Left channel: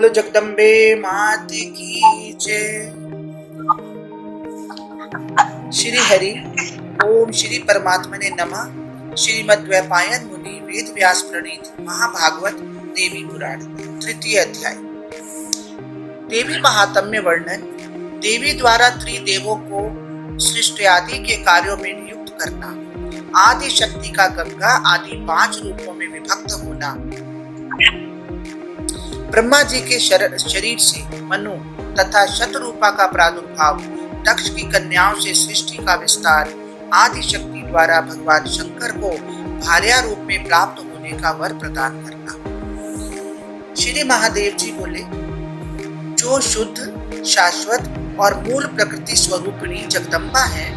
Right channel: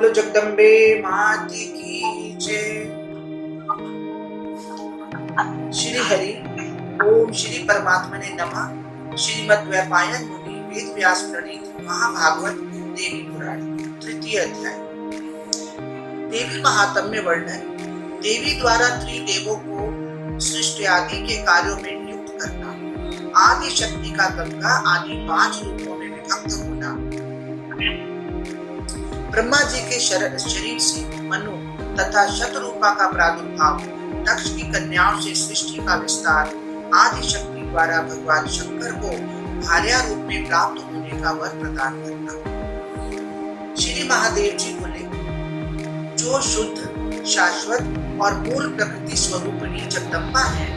बोलो जगदम्बे मात की जय। श्री हरि ओम श्री परमात्मने नमः। श्रीमद्वैपायन मुनि वेद व्यास प्रणीत महाभागवत देवी पुराण तृतीय अध्याय। देवी महात्म्य वर्णन। देवी द्वारा त्रिदेवों को सृष्टि आदि के कार्यों में नियुक्त करना, आदि शक्ति का गंगा आदि 5 रूपों में विभक्त होना, ब्रह्मा जी के शरीर से मनु तथा शतरूपा का प्रादुर्भाव, दक्ष की कन्याओं से सृष्टि का विस्तार, आदि शक्ति द्वारा भगवान शंकर को भार्या रूप में प्राप्त होने का वर प्रदान करना। श्री महादेव जी बोले, जो शुद्ध, शाश्वत और मूल प्रकृति स्वरूपिणी जगदम्बा है,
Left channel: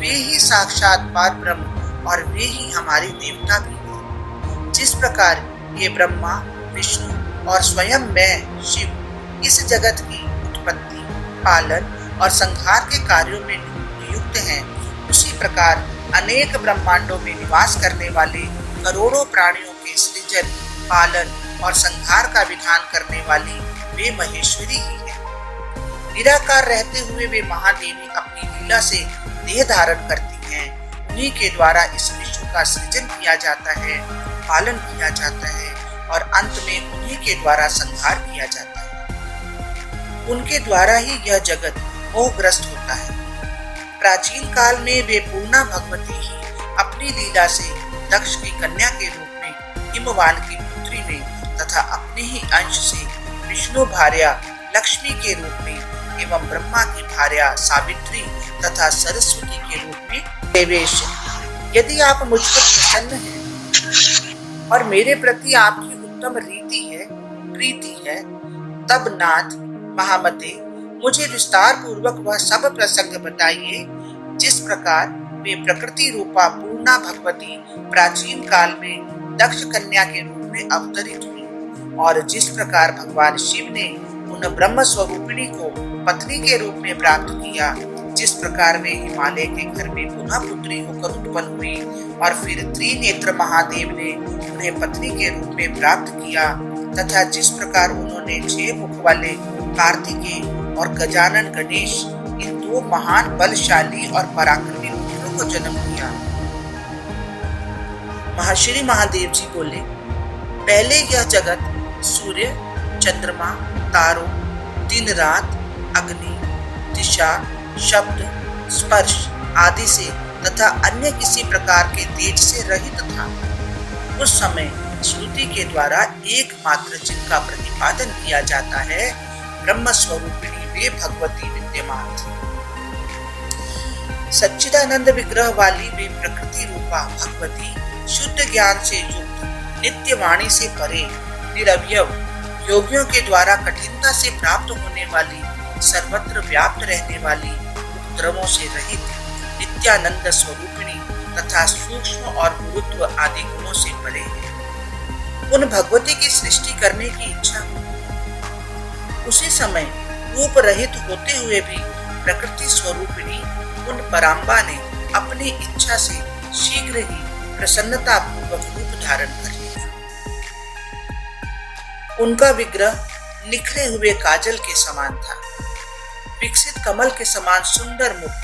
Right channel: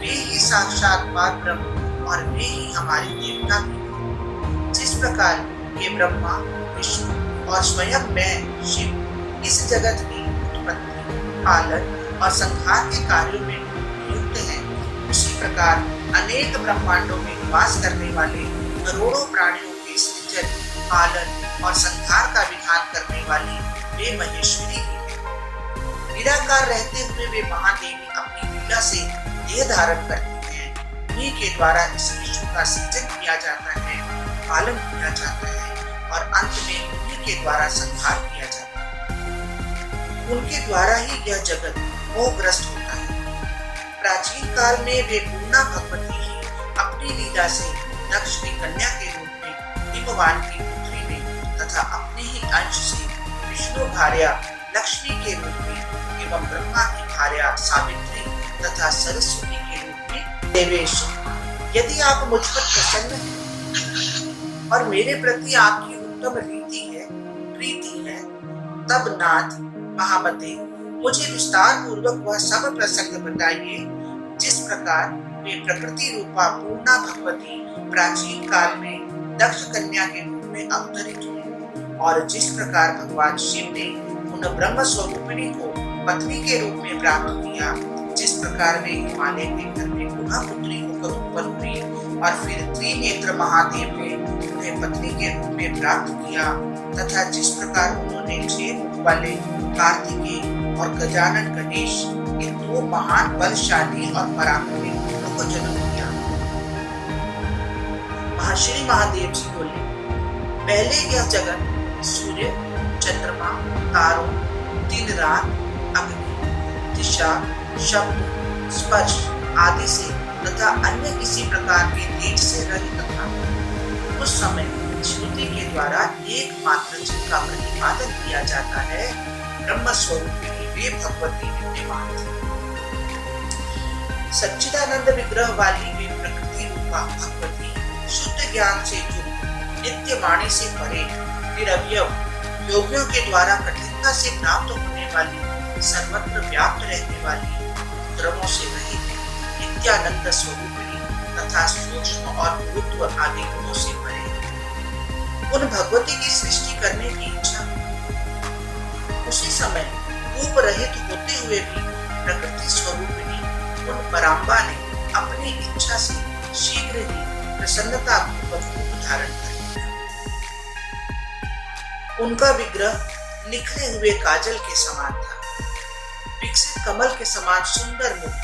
वे ही साक्षात पार ब्रह्म और वे ही हमारे देवता भी हैं। जिस प्रकार ये ब्रह्मा, विष्णु और स्वयं मैं शिव इस जगत की उत्पत्ति, पालन और संहार के कार्यों में नियुक्त हैं, उसी प्रकार अनेक ब्रह्मांडों में निवास करने वाले करोड़ों प्राणियों के सृजन, पालन और संहार का विधान करने वाली वे महेश्वरी ही है। निराकार रहते हुए वे महादेवी अपनी लीला से देह धारण करती हैं। उन्हीं के द्वारा इस विश्व का सृजन किया जाता है, पालन किया जाता है और अंत में उन्हीं के द्वारा संहार किया जाता है। उनके द्वारा ही यह जगत मोहग्रस्त होता है। प्राचीन काल में वे पूर्णा भगवती ही अपनी लीला से दक्ष की कन्या के रूप में हिमवान की पुत्री में तथा अपने ही अंश से विष्णु भार्या लक्ष्मी के रूप में एवं ब्रह्मा की भार्या सावित्री तथा सरस्वती के रूप में प्रवेश। यदि आप मुझ पर प्रसन्न हैं और मेरे प्रति आपकी उत्तम प्रीति है, तब नाथ महामते मुझे विस्तार पूर्वक वह सब प्रसंग बताइए, जिस प्रकार वे प्रकृति रूपा पूर्णा भगवती प्राचीन काल में दक्ष कन्या के रूप में अवतरित हुई और जिस प्रकार भगवान शिव ने उन ब्रह्म स्वरूपिणी को पत्नी के रूप में प्राप्त किया, जिस प्रकार वे हिमालय के घर में पुनः पुत्री होकर उत्पन्न हुई और फिर त्रिनेत्र महादेव ने उन्हें पत्नी के रूप में प्राप्त किया तथा जिस प्रकार उन्होंने 6 मुख वाले कार्तिकेय और गजानन गणेश इन 2 महान बलशाली और पराक्रमी पुत्रों को जन्म दिया। श्री महादेव जी बोले, पहले यह जगत सूर्य, चंद्रमा, तारों, दिन रात, अग्नि, दिशा, शब्द, स्पर्श आदि से तथा अन्य किसी प्रकार के तेज से रहित था। उस समय श्रुति के द्वारा एकमात्र जिनका प्रतिपादन किया जाता है, ब्रह्म स्वरूपिणी वे भगवती विद्यमान थी। सच्चिदानंद विग्रह वाली वे प्रकृति रूपा भगवती शुद्ध ज्ञान से युक्त, नित्य वाणी से परे, निरवयव, योगियों के द्वारा कठिनता से प्राप्त होने वाली, सर्वत्र व्याप्त रहने वाली, उपद्रवों से रहित, नित्यानंद स्वरूपिणी तथा सूक्ष्म और गुरुत्व आदि गुणों से परे है। उन भगवती की सृष्टि करने की इच्छा हुई। उसी समय रूप रहित होते हुए भी प्रकृति स्वरूपिणी उन पराम्बा ने अपनी इच्छा से शीघ्र ही प्रसन्नता पूर्वक रूप धारण कर लिया। उनका विग्रह निखरे हुए काजल के समान था। विकसित कमल के समान सुंदर मुख,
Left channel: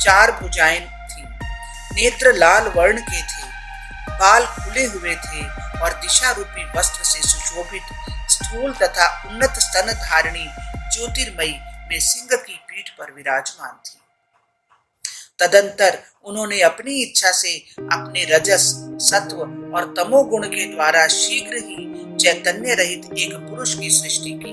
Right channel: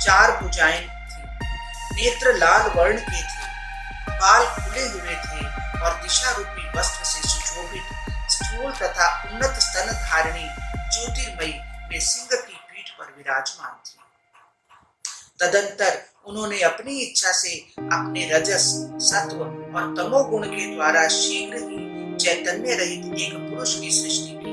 4 भुजाएं थी, नेत्र लाल वर्ण के थे, बाल खुले हुए थे और दिशा रूपी वस्त्र से सुशोभित, स्थूल तथा उन्नत स्तन धारिणी ज्योतिर्मयी में सिंह की पीठ पर विराजमान थी। तदंतर उन्होंने अपनी इच्छा से अपने रजस, सत्व और तमोगुण के द्वारा शीघ्र ही चैतन्य रहित एक पुरुष की सृष्टि की।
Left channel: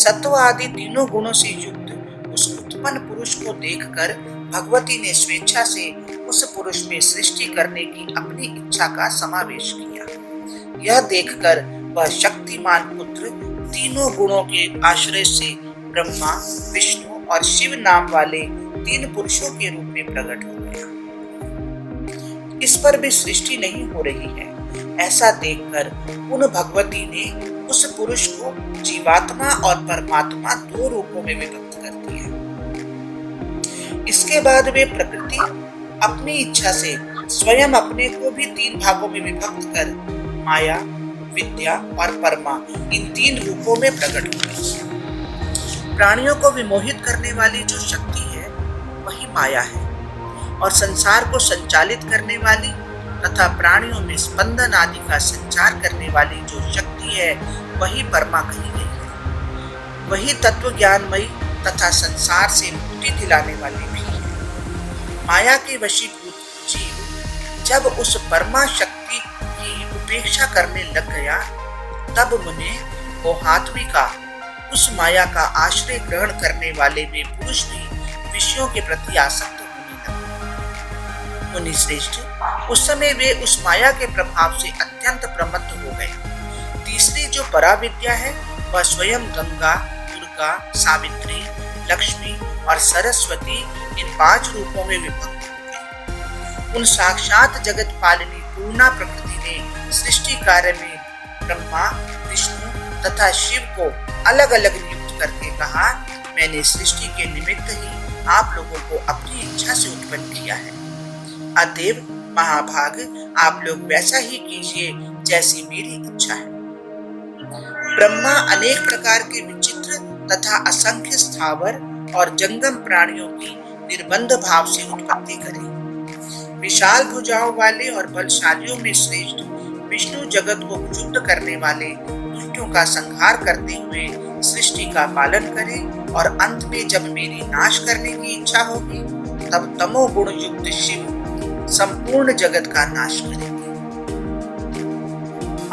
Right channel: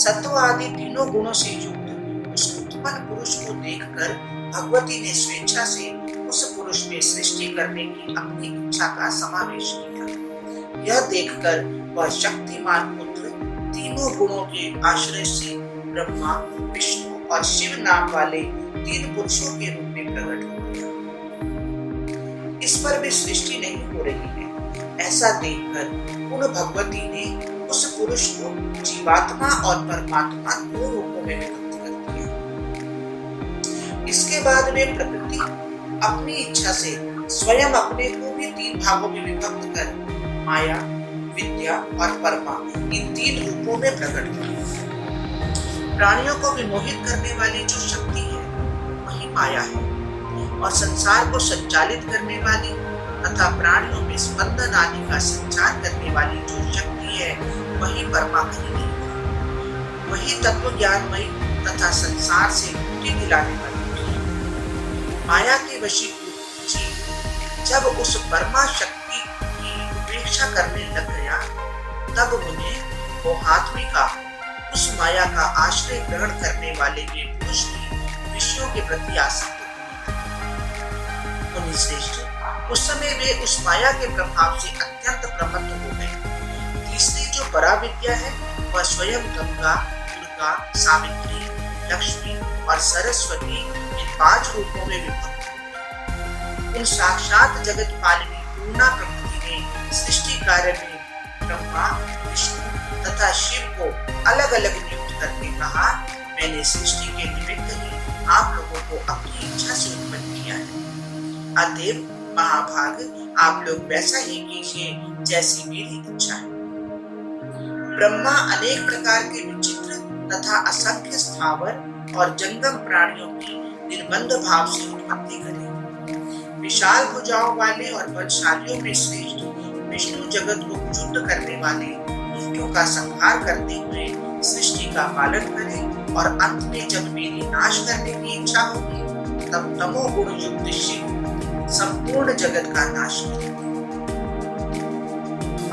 सत्व आदि तीनों गुणों से युक्त उस उत्पन्न पुरुष को देखकर भगवती ने स्वेच्छा से उस पुरुष में सृष्टि करने की अपनी इच्छा का समावेश किया। यह देखकर वह शक्तिमान पुत्र तीनों गुणों के आश्रय से ब्रह्मा, विष्णु और शिव नाम वाले 3 पुरुषों के रूप में प्रकट हो गया। इस पर भी सृष्टि नहीं हो रही है, ऐसा देखकर उन भगवती ने उस पुरुष को जीवात्मा और परमात्मा 2 रूपों में विभक्त कर दिया। इसके बाद वे प्रकृति अपनी इच्छा से स्वयं अपने को भी 3 भागों में विभक्त कर माया, विद्या और परमा इन 3 रूपों में प्रकट हुई। प्राणियों को विमोहित करने वाली जो शक्ति है वही माया है और संसार को संचालित करने वाली तथा प्राणियों में स्पंदन आदि का संचार करने वाली जो शक्ति है वही परमा कही गई है। वही तत्व ज्ञानमयी तथा संसार से मुक्ति दिलाने वाली भी है। माया के वशीभूत जीव जब उस परमा शक्ति की उपेक्षा करने लग गया तब उन्हें मोहात्मी का उस माया का आश्रय ग्रहण करने वाले वे पुरुष भी विषयों के प्रति आसक्त होने लगे। मुनि श्रेष्ठ, उस समय वे उस माया के प्रभाव से अत्यंत प्रमत्त हो गए। तीसरी जो पराविद्या है वह स्वयं गंगा, दुर्गा, सावित्री, लक्ष्मी और सरस्वती इन 5 रूपों में विभक्त हो गई। उन साक्षात जगत पालिनी पूर्णा प्रकृति ने सृष्टि कार्य में ब्रह्मा, विष्णु तथा शिव को अलग अलग नियुक्त करके कहा, मैंने सृष्टि के निमित्त ही आप लोगों को अपनी इच्छा से उत्पन्न किया है। अतएव महाभाग, आप लोग वैसा ही कीजिए जैसी मेरी इच्छा है। ब्रह्मा अनेक प्रकार के विचित्र तथा असंख्य स्थावर और जंगम प्राणियों की निर्बंध भाव से उत्पत्ति करे। विशाल भुजाओं वाले और बलशालियों में श्रेष्ठ विष्णु जगत को क्षुब्ध करने वाले दुष्टों का संहार करते हुए सृष्टि का पालन करे और अंत में जब मेरी नाश करने की इच्छा होगी तब तमोगुण युक्त शिव संपूर्ण जगत का नाश करेंगे।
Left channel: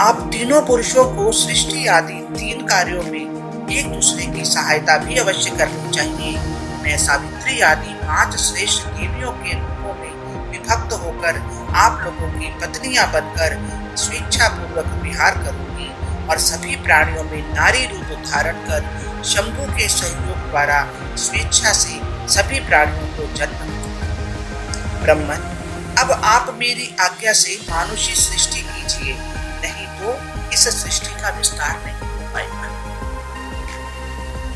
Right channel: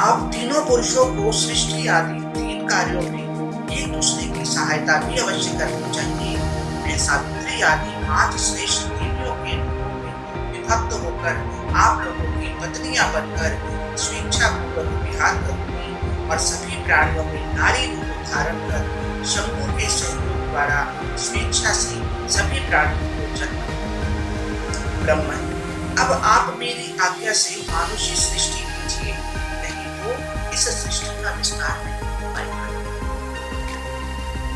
आप तीनों पुरुषों को सृष्टि आदि 3 कार्यों में एक दूसरे की सहायता भी अवश्य करनी चाहिए। मैं सावित्री आदि 5 श्रेष्ठ देवियों के रूपों में विभक्त होकर आप लोगों की पत्नियां बनकर स्वेच्छा पूर्वक विहार करूंगी और सभी प्राणियों में नारी रूप धारण कर शंभु के सहयोग द्वारा स्वेच्छा से सभी प्राणियों को जन्म दूंगी। ब्रह्मन, अब आप मेरी आज्ञा से मानुषी सृष्टि कीजिए, नहीं तो इस सृष्टि का विस्तार नहीं हो पाएगा।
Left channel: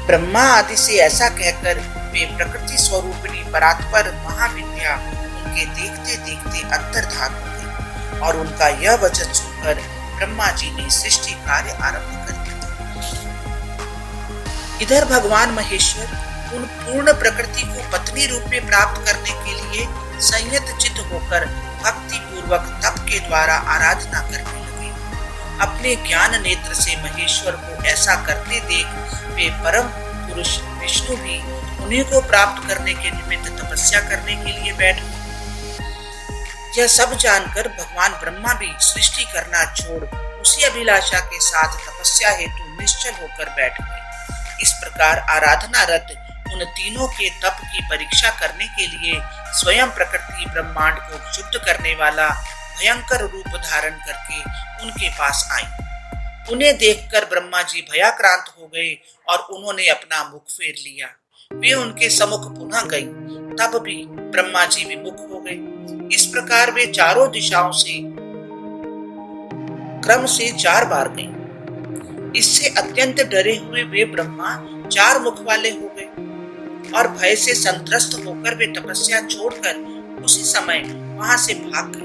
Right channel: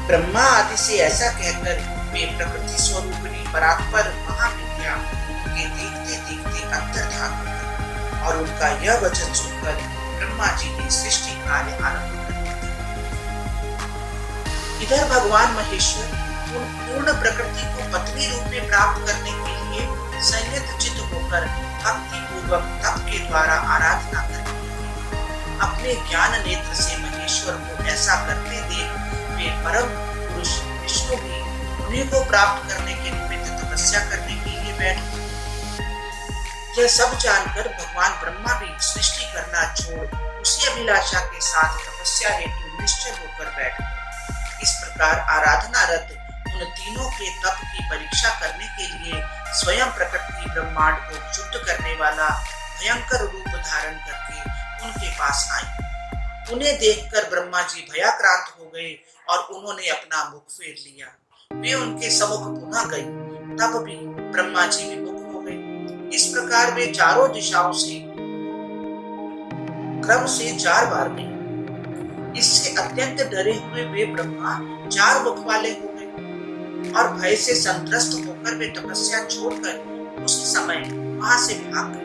ब्रह्मा आदि से ऐसा कहकर वे प्रकृति स्वरूपिणी परात्पर महाविद्या उनके देखते देखते अंतर्धान हो गई और उनका यह वचन सुनकर ब्रह्मा जी ने सृष्टि कार्य आरंभ कर दिया। इधर भगवान महेश्वर उन पूर्ण प्रकृति को पत्नी रूप में प्राप्त करने के लिए संयत चित्त होकर भक्ति पूर्वक तप के द्वारा आराधना करने लगे। अपने ज्ञान नेत्र से महेश्वर को ऐसा करते देख वे परम पुरुष विष्णु भी उन्हीं को प्राप्त करने के निमित्त तपस्या करने के लिए बैठ गए। यह सब जानकर भगवान ब्रह्मा भी सृष्टि करना छोड़ उसी अभिलाषा के साथ तपस्या हेतु निश्चल होकर बैठ गए। इस प्रकार आराधना रत उन तीनों के तप की परीक्षा करने के लिए स्वयं प्रकृति ब्रह्मांड को शुद्ध करने वाला भयंकर रूप धारण करके उनके पास आई। उन्हें देखकर ब्रह्मा जी भयाक्रांत हो गए और उन्होंने अपना मुख फेर लिया। वे उनके सम्मुख पुनः गई, तब भी ब्रह्मा जी विमुख हो गए। इस प्रकार वे चारों दिशाओं से क्रम से 4 बार गई। इससे अत्यंत डरे हुए वे ब्रह्मा 4 मुख वाले हो गए और भय से संत्रस्त होकर वे तपस्या छोड़कर उसी समय वहां से भाग गए।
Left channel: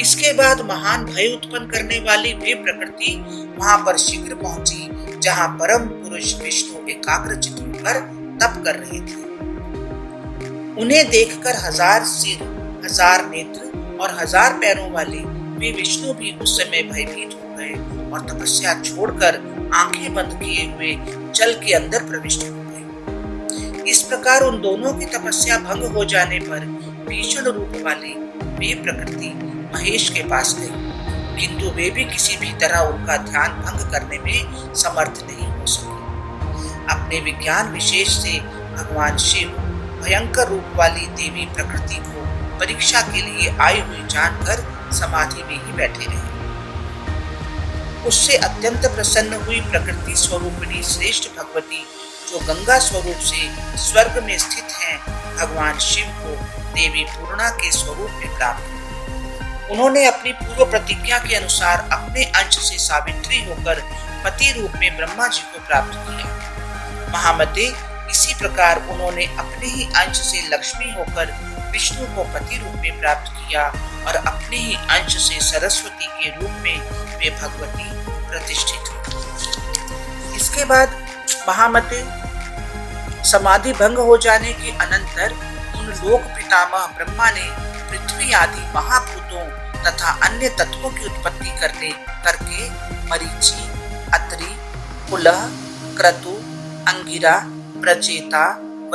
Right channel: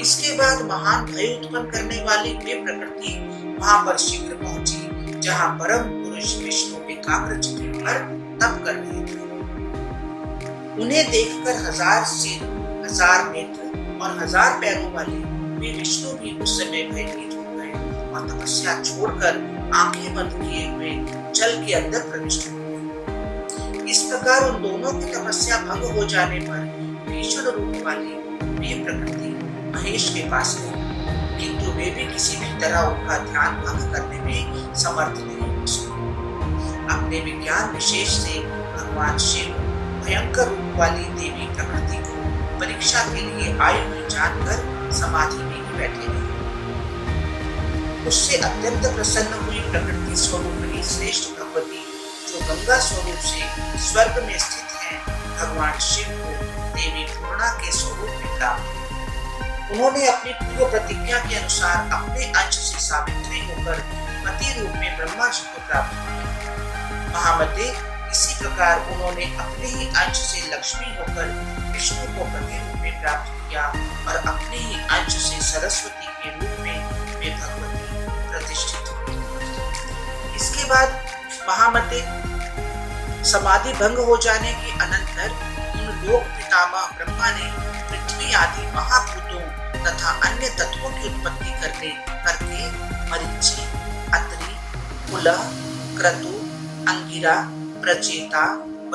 इसके बाद महान भय उत्पन्न करने वाली वे प्रकृति वहां पर शीघ्र पहुंची जहां परम पुरुष विष्णु एकाग्रचित्त होकर तप कर रहे थे। उन्हें देखकर 1000 सिर, 1000 नेत्र और 1000 पैरों वाले वे विष्णु भी उस समय भयभीत हो गए और तपस्या छोड़कर आंखें बंद किए हुए जल के अंदर प्रविष्ट हो गए। इस प्रकार उन दोनों की तपस्या भंग हो जाने पर भीषण रूप वाली वे प्रकृति महेश के पास गई, किंतु वे भी किसी भी तरह उनका ध्यान भंग करने में समर्थ नहीं हो सके। अपने विज्ञान विशेष से भगवान शिव भयंकर रूप वाली देवी प्रकृति को परीक्षा के लिए आई हुई जानकर समाधि में ही बैठे रहे। उससे अत्यंत प्रसन्न हुई प्रकृति स्वरूपिणी श्रेष्ठ भगवती जो गंगा स्वरूप से स्वर्ग में स्थित हैं, भगवान शिव को देवी पूर्णा के स्वरूप में प्राप्त। उन्होंने अपनी पूर्व प्रतिज्ञा के अनुसार अपने अंश से सावित्री होकर पति रूप में ब्रह्मा जी को प्राप्त किया। महामते, इसी प्रकार उन्होंने अपने ही अंश से लक्ष्मी होकर विष्णु को पति रूप में प्राप्त किया और अपने ही अंश से सरस्वती के रूप में वे वे भगवती प्रतिष्ठित हुई। इसके बाद महामते समाधि भंग हो जाने के अनंतर उन लोक पितामह ब्रह्मा ने पृथ्वी आदि महाभूतों तथा अन्य तत्वों की उत्पत्ति करके मरीचि, अत्रि, पुलह, क्रतु, अंगिरा, प्रचेता,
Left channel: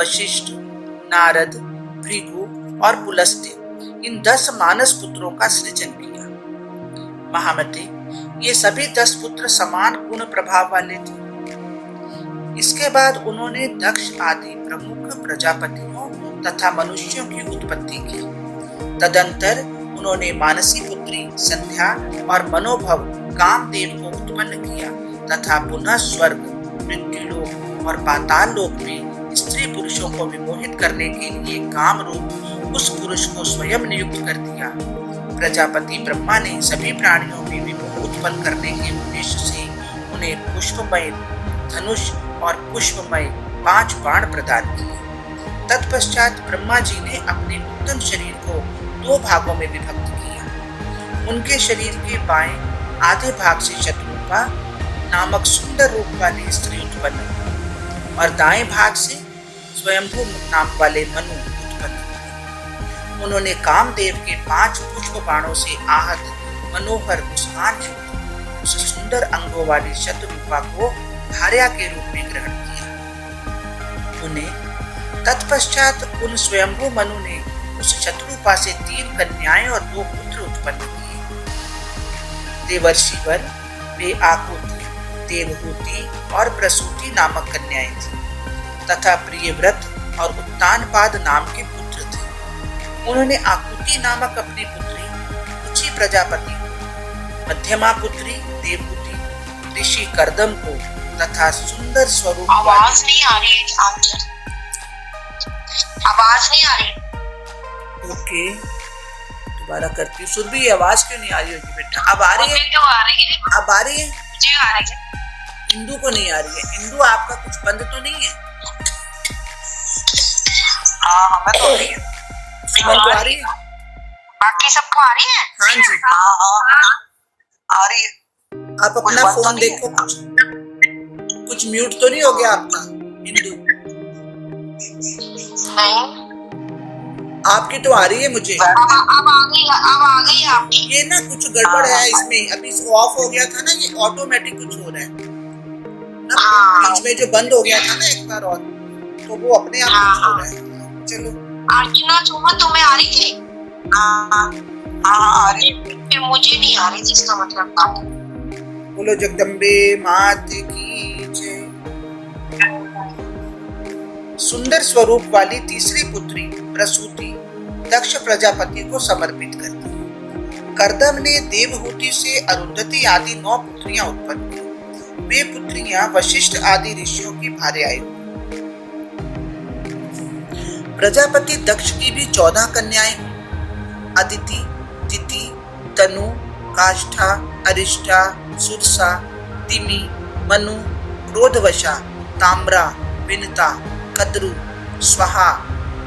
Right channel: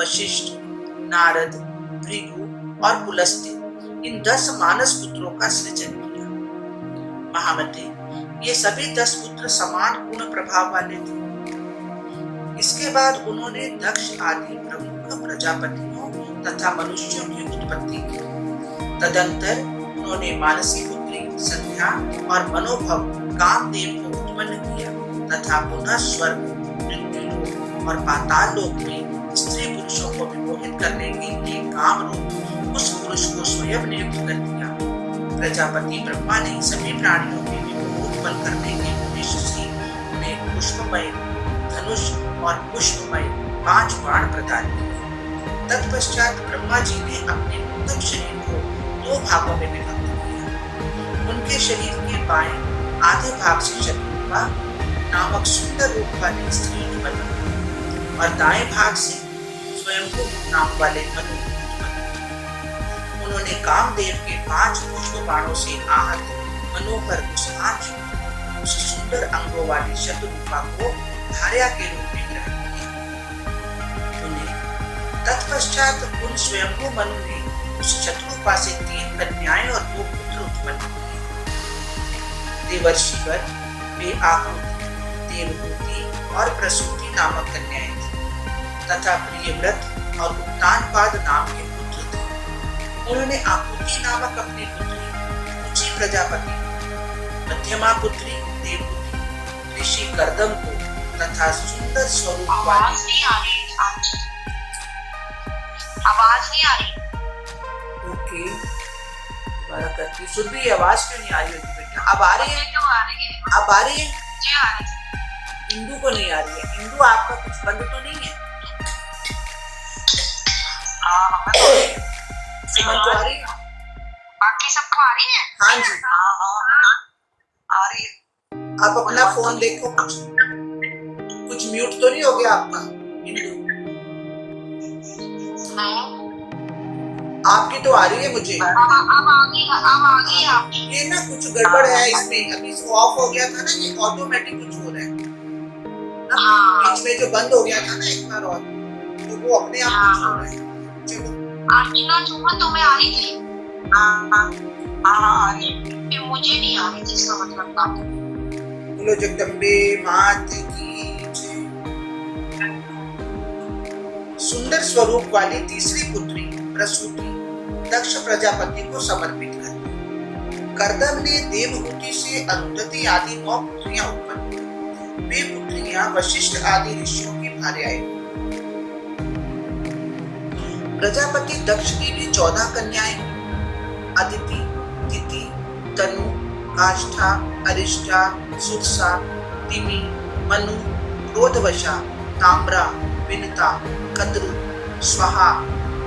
वशिष्ठ, नारद, भृगु और पुलस्त्य इन 10 मानस पुत्रों का सृजन किया। महामते ये सभी 10 पुत्र समान गुण प्रभाव वाले थे। इसके बाद उन्होंने दक्ष आदि प्रमुख प्रजापतियों तथा मनुष्यों की उत्पत्ति की। तदंतर उन्होंने मानसी पुत्री संध्या और मनोभव कामदेव को उत्पन्न किया तथा पुनः स्वर्ग, मृत्युलोक और पाताल लोक में स्त्री पुरुषों को विमोहित करने के लिए काम रूप उस पुरुष को स्वयं नियुक्त कर दिया। प्रजापति ब्रह्मा ने सभी प्राणियों में विमोह उत्पन्न करने के उद्देश्य से उन्हें पुष्पमय धनुष और पुष्पमय 5 बाण प्रदान किए। तत्पश्चात ब्रह्मा जी ने अपने उत्तम शरीर को 2 भागों में विभक्त किया। उनके शरीर के बाएं आधे भाग से शत्रुपा नामक सुंदर रूप वाली स्त्री उत्पन्न और दाएं भाग से स्वयंभू नाम वाले मनु उत्पन्न। उन्होंने कामदेव के 5 पुष्प बाणों से आहत मनोहर मुस्कान युक्त उस सुंदर अंगों वाली शत्रुपा को भार्या के रूप में ग्रहण किया। उन्हें तत्पश्चात उन स्वयंभू मनु ने उस शत्रुपा से 3 कन्याएं और 2 पुत्र उत्पन्न किए। देवर्षिवर वे आकृति, देवहूति और प्रसूति नामक कन्याएं थी तथा प्रियव्रत और उत्तानपाद नाम के पुत्र थे। उन्होंने आकृति नामक अपनी पुत्री रुचि प्रजापति को, मध्यमा पुत्री देवहूति ऋषि कर्दम को तथा सुंदर स्वरूप आवाज नहीं आ रही है। आवाज नहीं आ रही। ओके दोबारा करती हूँ। सुरभि आवाज क्यों नहीं आ रही होगी बेटा? अब आ रही है? क्यों आ रही है? अब आ रही है? मुझे आ रही है। इंदू को नहीं आ रही है। इंदू आपका कुछ बंद तो नहीं है? हाँ हमें तो नहीं है। सुमन को आ रही है? बाकी सबको आ रही है? हाँ जी हाँ आ रही है। आप अपना फोन देखो, कुछ म्यूट तो नहीं हो गया आपका इंदू? नहीं आपकी तो आ रही है मुझे। अब आ गई आपकी। ये ना कुछ गड़बड़ है इसमें। अभी ऑफ हो गया था ना, ये ऑटोमेटिक कुछ हो रहा है ना। बीच में जो बंद हो गया था ना एक बार और, तो वो अपने आप कुछ हो रहा है। चलो अर्चना सुमन तुम्हें आ रही थी? हाँ आ रही। फिर मुझे नहीं आ रही थी, इसका मतलब था। बोलो जगदम्बे मात की जय। सुंदर स्वरूप वाली तीसरी पुत्री प्रसूति दक्ष प्रजापति को समर्पित कर दी। कर्दम ने देवहूति से अरुंधति आदि 9 पुत्रियां उत्पन्न की। वे पुत्रियां वशिष्ठ आदि ऋषियों की भार्याएं हुई। प्रजापति दक्ष की भी 14 कन्याएं हुई। अदिति, दिति, तनु, काष्ठा, अरिष्टा, सुरसा, तिमि, मनु, क्रोधवशा, ताम्रा, विनता, कद्रु, स्वाहा,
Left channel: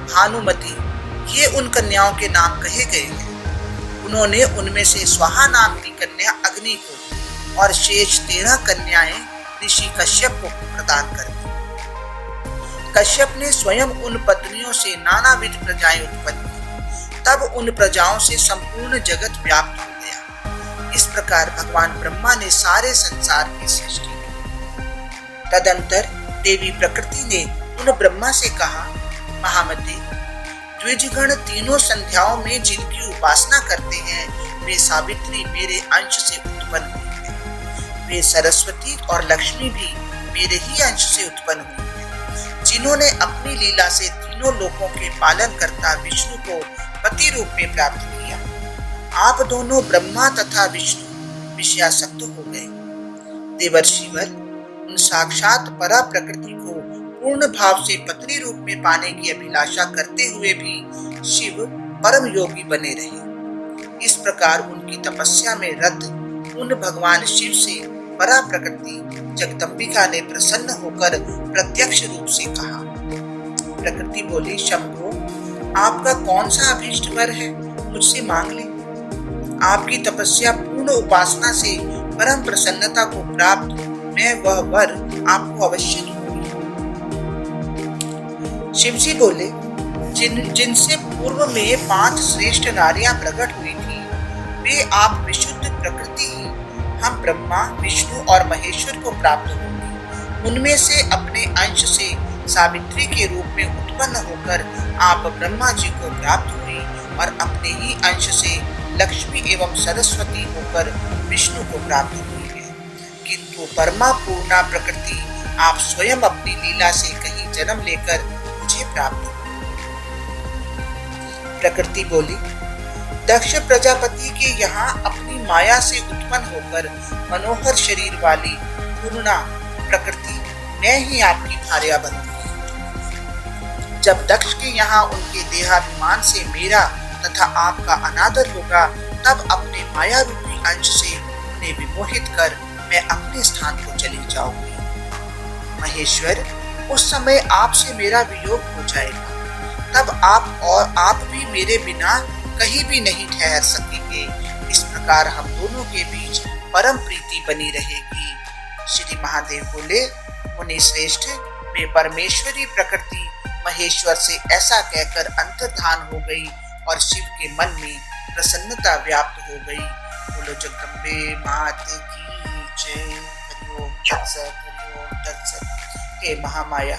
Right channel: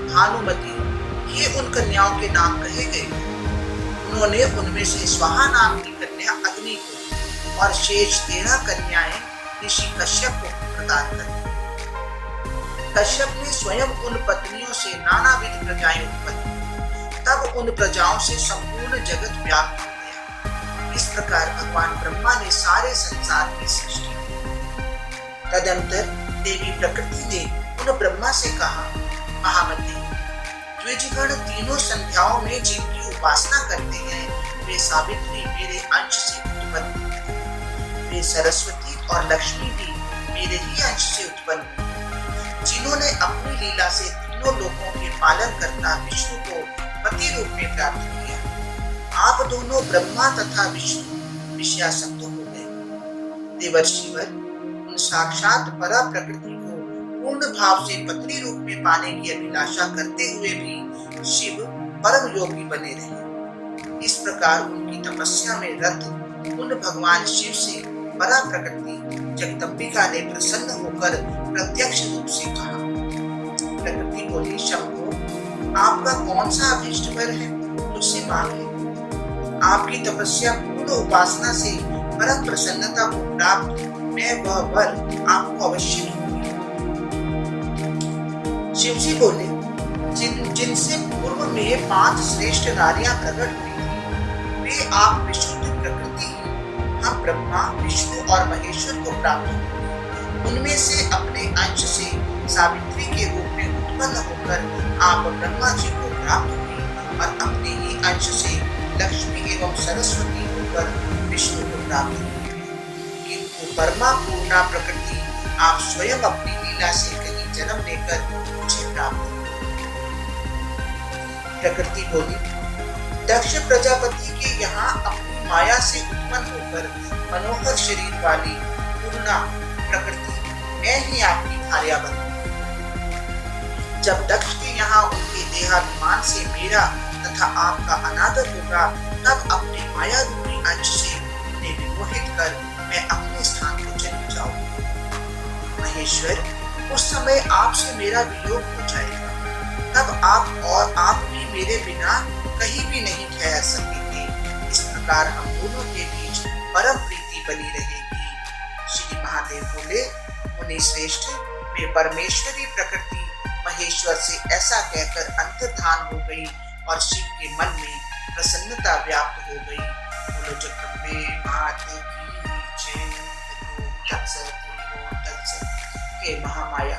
भानुमति ये उन कन्याओं के नाम कहे गए हैं। उन्होंने उनमें से स्वाहा नाम की कन्या अग्नि को और शेष 13 कन्याएं ऋषि कश्यप को प्रदान कर दी। कश्यप ने स्वयं उन पत्नियों से नानाविध प्रजाएं उत्पन्न की। तब उन प्रजाओं से संपूर्ण जगत व्याप्त हो गया। इस प्रकार भगवान ब्रह्मा ने सारे संसार की सृष्टि की। तदंतर देवी प्रकृति ने उन ब्रह्मा से कहा, महामते द्विजगण तीनों संध्याओं में जिनकी उपासना करते हैं वे सावित्री मेरे अंश से उत्पन्न हुई है। वे सरस्वती और लक्ष्मी भी मेरे ही अंश से उत्पन्न हुई है, जिन्होंने अपनी लीला से तीनों लोकों के पालन करता विष्णु को पति रूप में प्राप्त किया। आप दोनों ब्रह्मा तथा विष्णु विषयासक्त हो गए। देवर्षिवर उन साक्षात परा प्रकृति को पूर्ण भाव से पत्नी रूप में पाने की अभिलाषा करते हुए भी शिव परम योगी बने रहे। इस प्रकार उनकी तपस्या में रत उन भगवान शिव से परा प्रकृति जगदम्बिका ने प्रसन्न होकर प्रत्यक्ष रूप से कहा। प्रकृति बोली, शंभो आपका कौन सा अभीष्ट वर है, मुझसे मांग ले। आपकी तपस्या पूर्ण उपासना से परम प्रसन्नता को प्राप्त मैं वह वर आपको अवश्य दूंगी। शिव जी बोले, जिनसे पूर्व में 5 श्रेष्ठ नारियां प्रकट हुई थी, वे आप विशुद्ध प्रकृति ही हम ब्रह्मा, विष्णु और महेश्वर को प्राप्त होंगे। उनमें से अपने अंश से सावित्री के रूप में उत्पन्न होकर आप ब्रह्मा जी को प्राप्त हुई और अपने ही अंश से लक्ष्मी एवं सरस्वती होकर विष्णु को प्राप्त हुई है। किंतु परमा पूर्णा प्रकृति आप स्वयं अपनी लीला से कहीं जन्म लेकर मुझे प्राप्त हुई। प्रकृति बोली, दक्ष प्रजापति के यहाँ अपनी माया से उत्पन्न होकर मनोहर शरीर वाली पूर्णा प्रकृति मैं ही आपकी भार्या बनती। जब दक्ष के यहाँ उनके देहाभिमान से मेरा तथा आपका अनादर होगा, तब अपने माया रूपी अंश से उन्हें विमोहित कर मैं अपने स्थान को चली जाऊंगी। महेश्वर, उस समय आपसे मेरा वियोग हो जाएगा, तब आप भी मेरे बिना कहीं भी नहीं ठहर सकेंगे। इस प्रकार हम दोनों के बीच परम प्रीति बनी रहेगी। श्री महादेव बोले, मुनि श्रेष्ठ, वे परमेश्वरी प्रकृति महेश्वर से ऐसा कहकर अंतर्धान हो गई और शिव के मन में प्रसन्नता व्याप्त हो गई। बोलो जगदम्बे माते की जय। हरिओम तत्सत, हरिओम तत्सत। हे महामाया,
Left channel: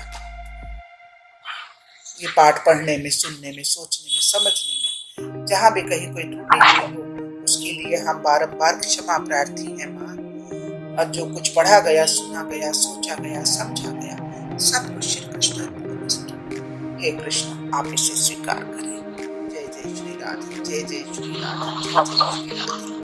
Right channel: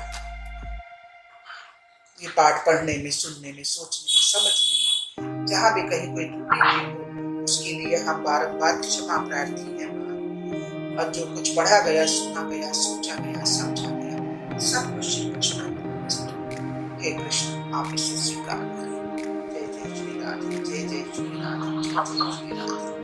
ये पाठ पढ़ने में, सुनने में, सोचने में, समझने में जहाँ भी कहीं कोई त्रुटि हो, उसके लिए हम बारंबार क्षमा प्रार्थी हैं मां। और जो कुछ पढ़ा गया, सुना गया, सोचा गया, समझा गया, सब कुछ श्री कृष्ण अर्पणमस्तु। हे कृष्ण, आप इसे स्वीकार करें। जय जय श्री राधे, जय जय श्री राधे, जय जय श्री राधे।